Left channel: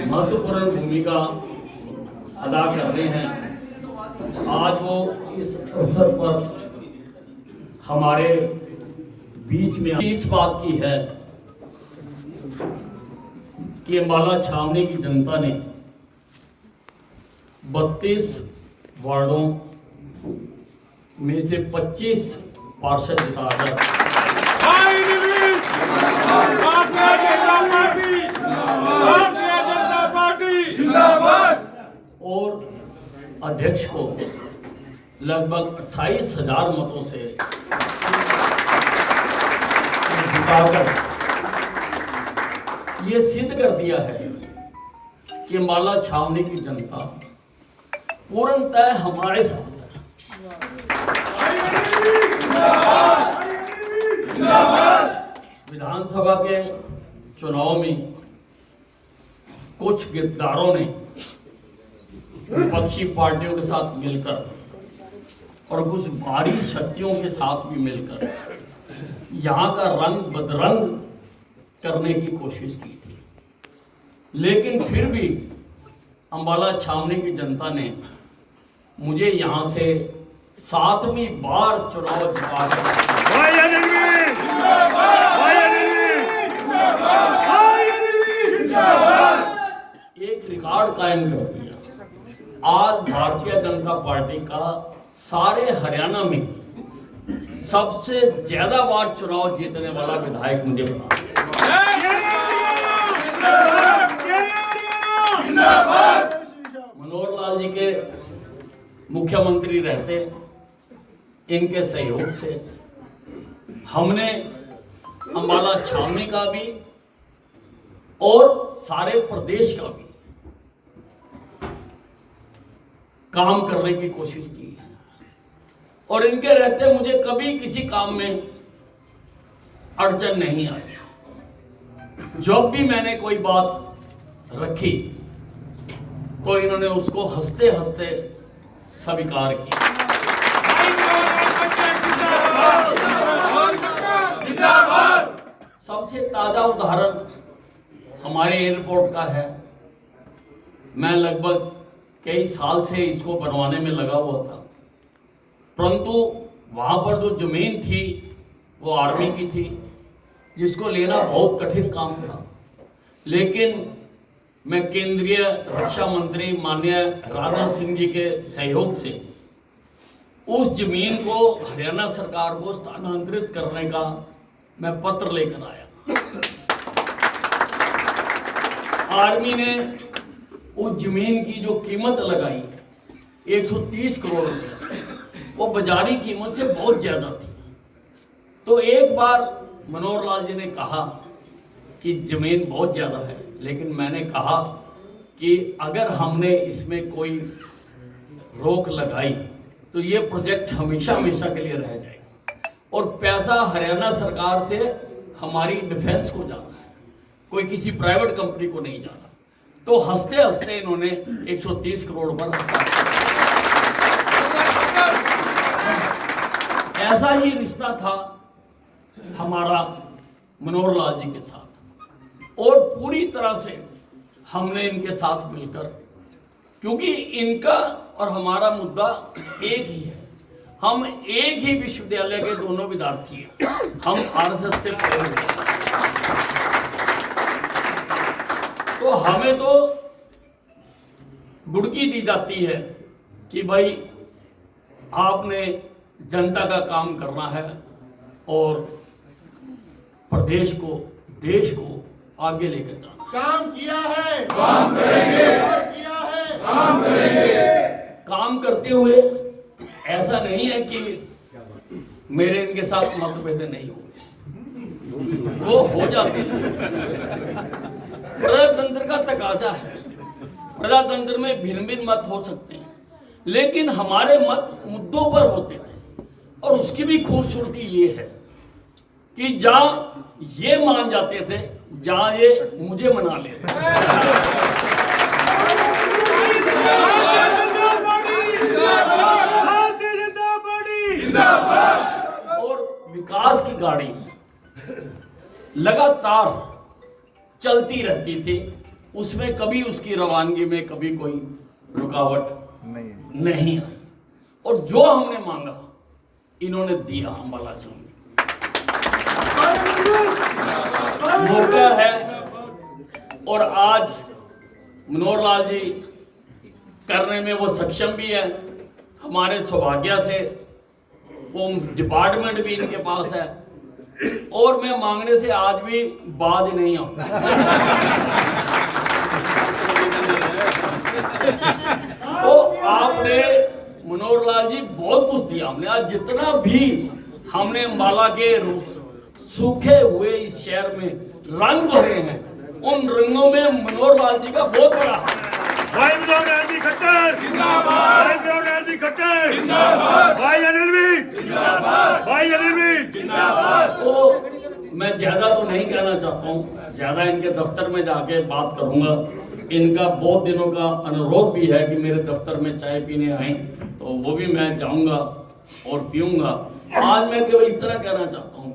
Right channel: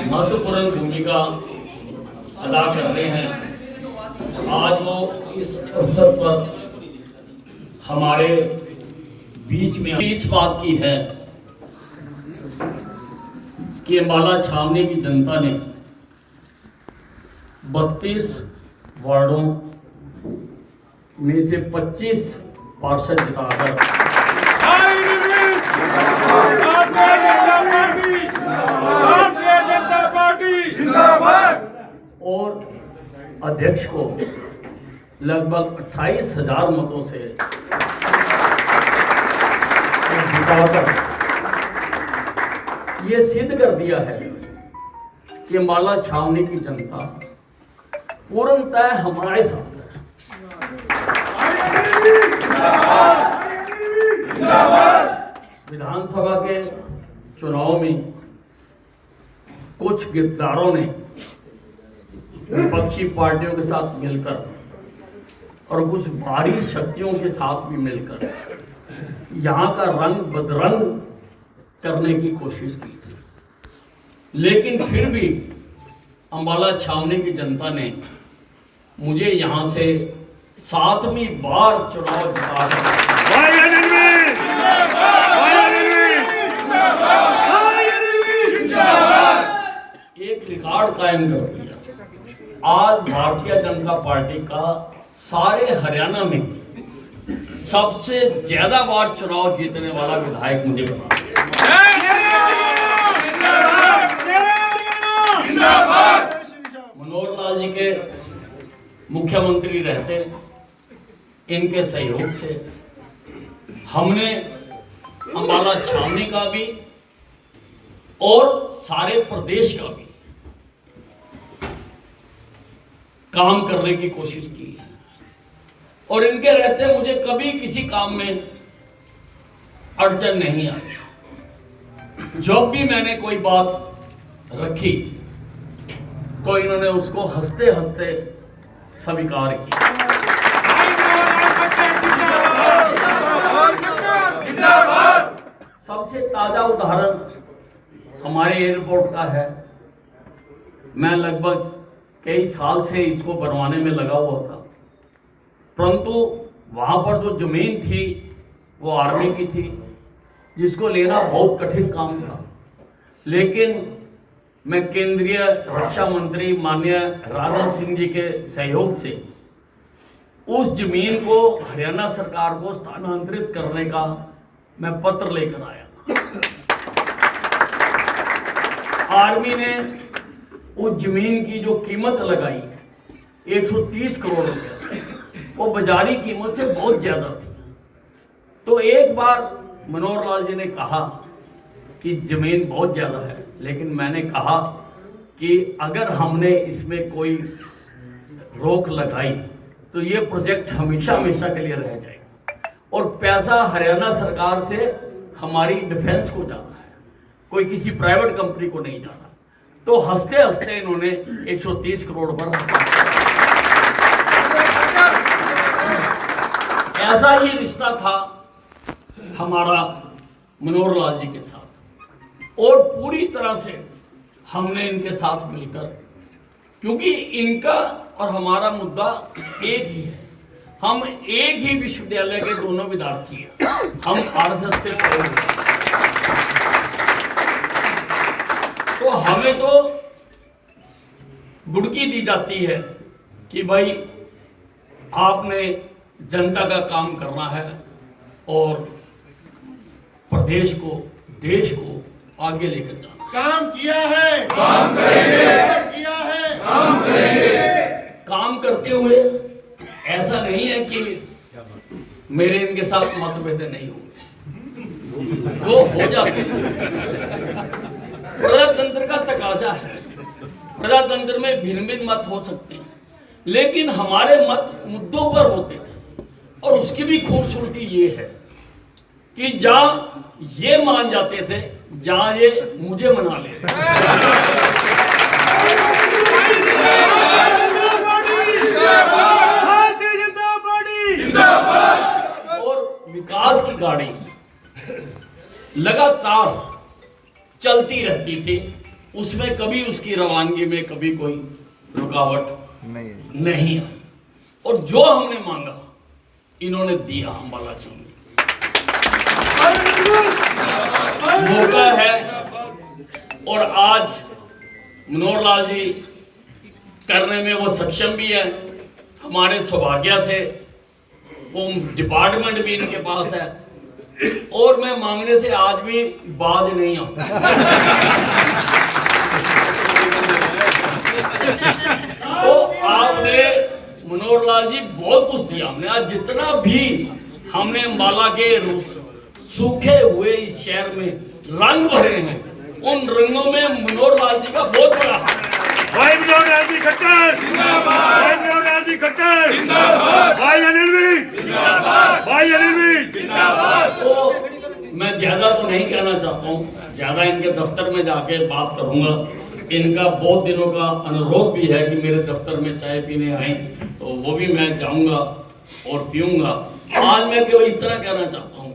महत्वपूर्ण भूमिका अदा कर रहे हैं। आज वो इस अवसर पर हमारे बीच में इस बात की है कि अम्बाला छावनी की जनता ने 32 वार्डों में से 25 पार्षद जिताकर और अध्यक्ष को लगभग 28,000 मतों से जिताकर ये सिद्ध कर दिया है कि अम्बाला छावनी की जनता पूर्णतः हमारे साथ है। विधानसभा के चुनाव में कुछ गिरफ्तारों ने विपक्षी पार्टियों के साथ मिलकर और कुछ भारी शक्तियों के साथ भी मिलकर यहाँ का रंग बदरंग करने की कोशिश की थी, लेकिन फिर भी अम्बाला छावनी की जनता ने मुझे यहाँ से 7वीं बार चुनाव जिताकर एक रिकॉर्ड कायम कर दिया। आज भारतीय जनता पार्टी का सारे हरियाणा में सबसे ज्यादा बार चुनाव जीतने वाला विधायक मुझे बना मनोहर लाल जी के मुख्यमंत्री रहते इनके सहयोग से हमने अम्बाला छावनी का भी और सारे प्रदेश का भी काम करने की कोशिश की है और इनके रहते मुझे कभी किसी काम में अड़चन नहीं आई। जब भी मैंने कोई बात रखी तो इन्होंने उसको हंसते हंसते स्वीकार किया। सबसे ताजा उदाहरण हमारे एयरपोर्ट का है। मैं लगभग कई साल से इसको बनवाने में लगा हुआ था, परंतु वहाँ पर जो जमीन थी वो आर्मी की थी, जिसको लेना बहुत कठिन काम था। लेकिन मैं केंद्रीय रक्षा मंत्री माननीय राजनाथ सिंह जी के सहयोग से उस जमीन को हरियाणा सरकार को स्थानांतरित करने का मैं पत्र लेकर आया। आर्मी ने उस जमीन की जो कीमत लगाई 130 करोड़ रुपया, वो बाजारी कीमत से बहुत ज्यादा थी। तो एक बार मनोहर लाल जी ने कहा कि जमीन बहुत ज्यादा है, लेकिन मैंने कहा कि अगर हमने इसमें कोई रोक लगाई तो ये प्रोजेक्ट हमेशा हमेशा के लिए रह जाएगा और पैसा हरियाणा सरकार से हमारी डिफेंस को जाना है, कोई किसी प्राइवेट कंपनी को नहीं जाना। तो हंसते हंसते इन्होंने 130 करोड़ पर हस्ताक्षर। ऐसा ही रिश्ता था हमारा मनोहर लाल जी के साथ और पूरी तरह से हमने इनके साथ मिलकर, क्योंकि इनका और हमारा मुद्दा एक ही है, हम एक ही विश्वविद्यालय के दोनों विद्यार्थी हैं, हम आरएसएस से पढ़े हुए। तो हमें तो गुड़की दी जाती है कि भाई आपने जनता का काम करना है और प्रदेश को देश को आगे लेकर जाना। काम किया है, काम करेंगे, किया है, काम करेंगे। काम करते हुए ऐसा नहीं है कि मेरे इनके साथ मतभेद नहीं हुए, वो हो जाते हैं। प्रजातंत्र का तकाजा है, प्रजातंत्र में भिन्न भिन्न मत हो सकते हैं, लेकिन हमारे मत मुद्दों पर होते थे। और उसकी भी खूबसूरती ये है कि जहां ये मान जाते थे, जहां ये मुझे मना लेते। और विकास की गाड़ी लगातार चलती रहती थी उसमें कभी उसकी रवानगी में कभी कोई रुकावट नहीं आई। और जो हमने मांगा इन्होंने दिया अम्बाला चीनी। मौका है और आज मनोहर लाल जी करने में वो सक्षम भी है। हमारे सौभाग्य से वो डिपार्टमेंट भी इनके पास है और मैं मांगने से आज भी बाज नहीं आऊं। तो आपने मनोहर लाल जी बहुत कुछ दिया हमने। आज जितना भी हमने अम्बाला के सूखे हुए इस शहर में रंग भरे हैं, उन रंगों में मनोहर लाल जी का बहुत बड़ा हाथ है। भाई मनोहर लाल जी खट्टर जिंदाबाद, भाई मनोहर लाल जी खट्टर जिंदाबाद, भाई अनिल भी जिंदाबाद, भाई अनिल भी जिंदाबाद। तो मैं ज्यादा तो नहीं कहना चाहता हूँ, ज्यादा इनके दफ्तर में जाके बात करूंगा। इनका बहुत दिनों का अनुरोध भी है कि मेरे दफ्तर में चाय पीने आए, तो वो भी मैं जाऊंगा और पीऊंगा। आज मैं केवल इतना कहना चाहता हूँ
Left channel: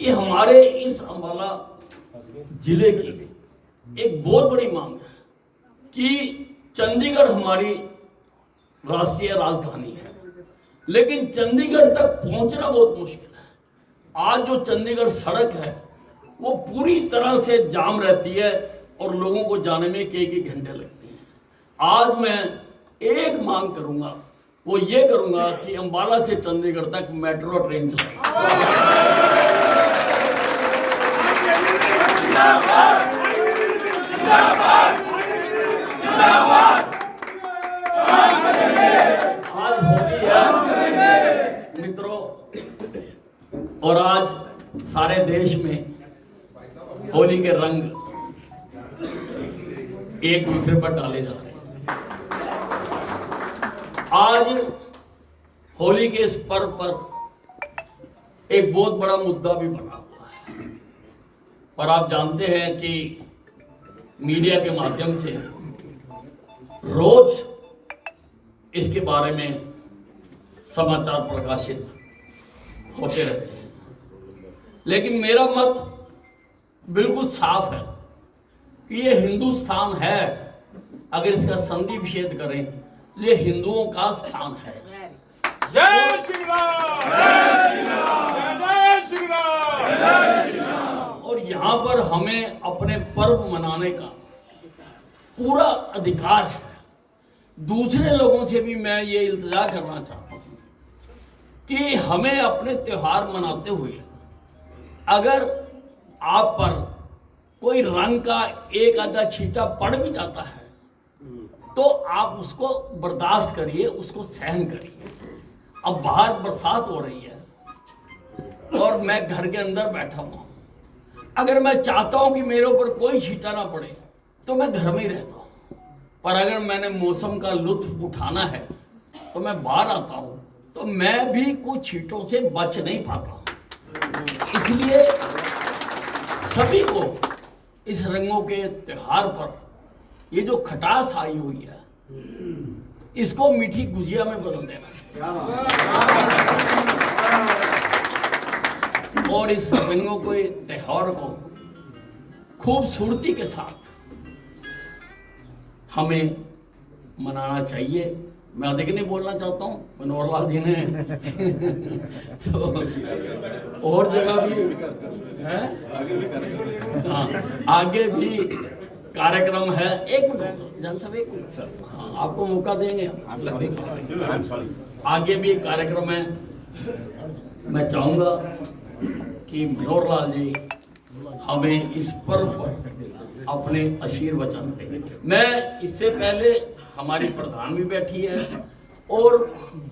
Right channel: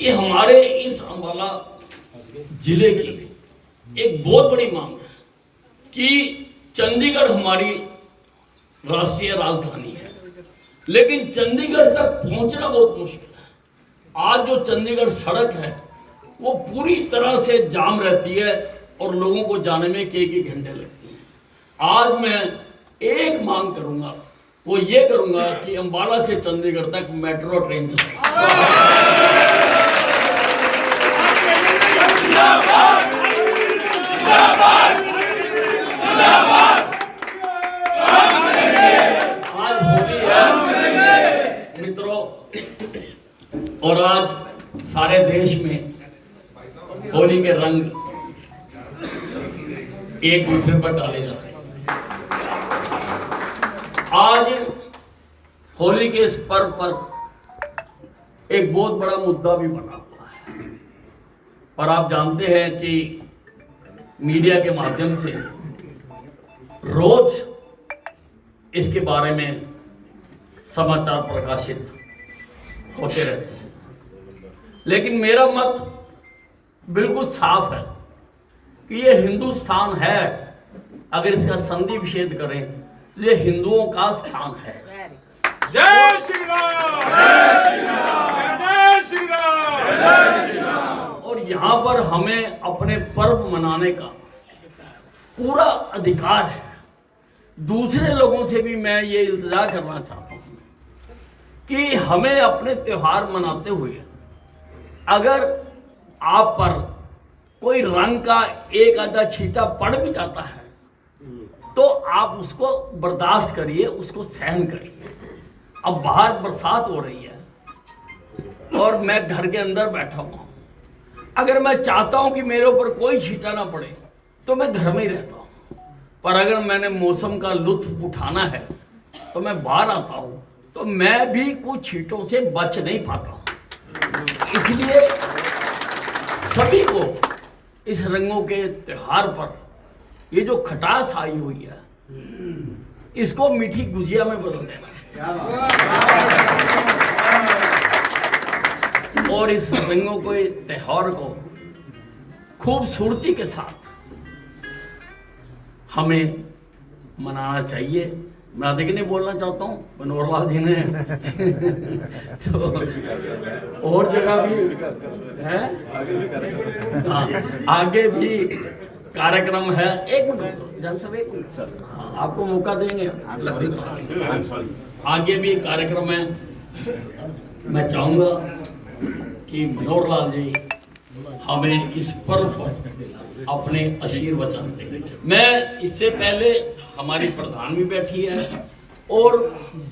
कि हमारे इस अम्बाला जिले की एक बहुत बड़ी मांग है कि चंडीगढ़ हमारी राष्ट्रीय राजधानी है, लेकिन चंडीगढ़ तक पहुंचना बहुत मुश्किल है। आज जो चंडीगढ़ सड़क है वो पूरी तरह से जाम रहती है और लोगों को जाने में कई घंटे लगते हैं। आज मैं एक मांग करूंगा, वो ये करूंगा कि अम्बाला से चंडीगढ़ तक मेट्रो ट्रेन चले। आज होली है मित्रों, और आज सारे देश में होली के रंग एक दूसरे पर डाले जा रहे हैं। आज होली के इस पर्व पर एक बहुत बड़ा मुद्दा भी बना हुआ है, और आप जानते हैं कि मीडिया के माध्यम से रोज इसके बारे में समाचार प्रकाशित होते रहते हैं, लेकिन मेरा मत बिल्कुल साफ है कि ये हिंदुस्तान है। अगर इसका संधि विच्छेद करें तो ये हिंदुओं का स्थान है। जय श्री राम, जय श्री राम, जय श्री राम, जय श्री राम। और यहाँ पर हमें अपने पर्व मनाने का पूरा अधिकार है। दूसरे लोगों से भी मैं ये इल्तिजा करना चाहता हूँ कि हमें अपने त्योहार मनाते हुए अगर आप पर कोई रंग का एक आधा छींटा पड़ भी जाता है तो आप उसको बर्दाश्त करिए, उसको सहन करिए। अब बाहर बरसात हो रही है और मैं घर के अंदर बैठा हुआ हूँ, अगर मैं चाहता हूँ कि मेरे ऊपर कोई छींटा ना पड़े तो मैं घर में ही रहता हूँ, पर अगर मैंने मौसम का लुत्फ उठाना है तो मैं बाहर आता हूँ, तो मैं भी कुछ छींटों से बच नहीं पाता हूँ। इसलिए सभी को इस रंगों के त्योहार पर ये जो खटास आई हुई है इसको मीठी गुजिया में बदल देना चाहिए और इस रंगों के त्योहार को खूबसूरती के साथ हमें मनाना चाहिए। मैं अधिक नहीं बोलना चाहता हूँ, मनोहर लाल जी ने तो और जगह भी है, हाँ आगे भी कार्यक्रम है। एक मिनट जान साहब, एक मिनट, हाँ आपको मौका देंगे। आगे भी कार्यक्रम है। मैं चाहूँगा कि मनोहर लाल जी हमें इस पर्व पर अपने आशीर्वचन दें। मैं इससे पहले हमारी प्रधान भी बैठी है और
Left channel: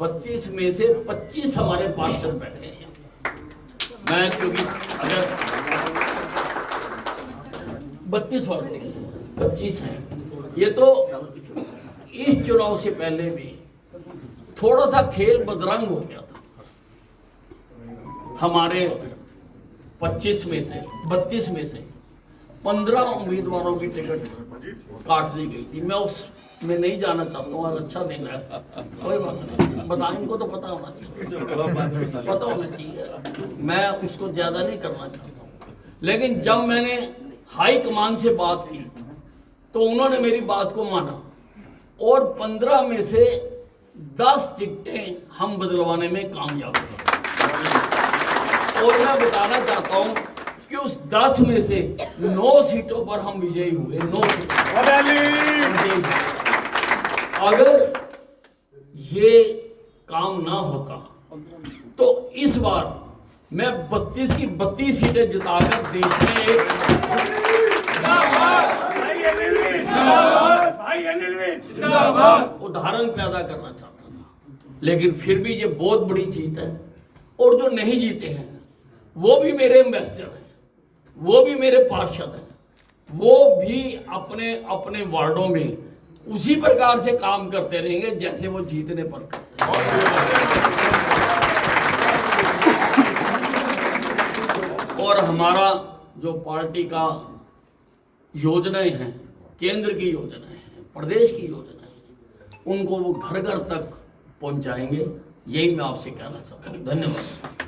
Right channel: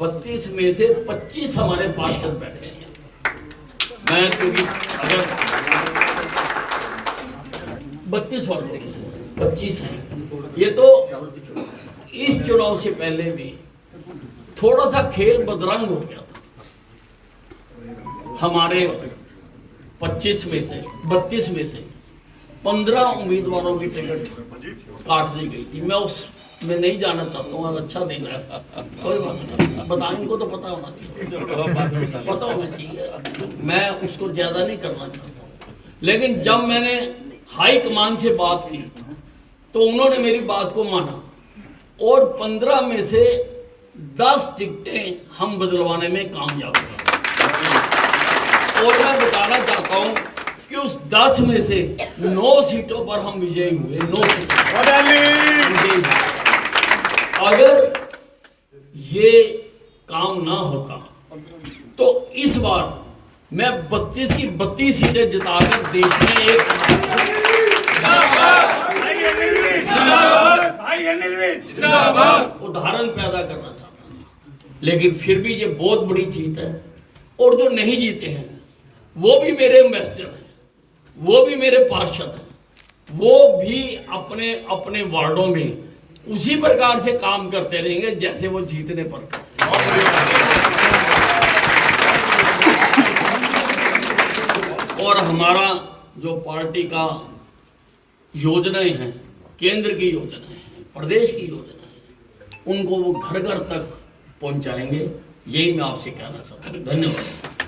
32 में से 25 हमारे पार्षद बैठे हैं। मैं क्योंकि अगर 32 और 25 हैं, ये तो इस चुनाव से पहले भी थोड़ा सा खेल बदरंग हो गया था। हमारे 32 में से 15 उम्मीदवारों की टिकट काट दी गई थी। मैं उसमें नहीं जाना चाहता हूँ, अच्छा दिन है, कोई बात नहीं, बता इनको तो पता होना चाहिए, पता होना चाहिए, मैं उसको ज़्यादा नहीं करना चाहता हूँ। लेकिन जब मैंने हाई कमान से बात की तो उन्होंने मेरी बात को माना और 15 में से 10 टिकटें हम बदलवाने में कामयाब हुए। और मैं बताना चाहता हूं कि उस 10 में से 9 सीटों पर हम विजयी हुए। 9 सीटों पर। अगर ये काम ना होता तो इस बार मैं 32 की 32 सीटें जिताकर देश में एक उदाहरण पैदा करना चाहता था। लेकिन फिर भी ये बहुत बड़ी जीत है। और जो नहीं जीते हैं वो भी मेरे एम्बेसडर हैं, वो भी मेरे पार्षद हैं, वो भी अपने अपने वार्डों में उसी प्रकार से काम करते रहेंगे जैसे वो जीतने पर करते हैं। और हमारा जो पार्टी का योजनाएं हैं, केंद्र की योजनाएं हैं, प्रदेश की योजनाएं हैं, उनको वो घर घर तक पहुंचाएंगे। यही मैं आपसे कहना चाहता हूँ। धन्यवाद।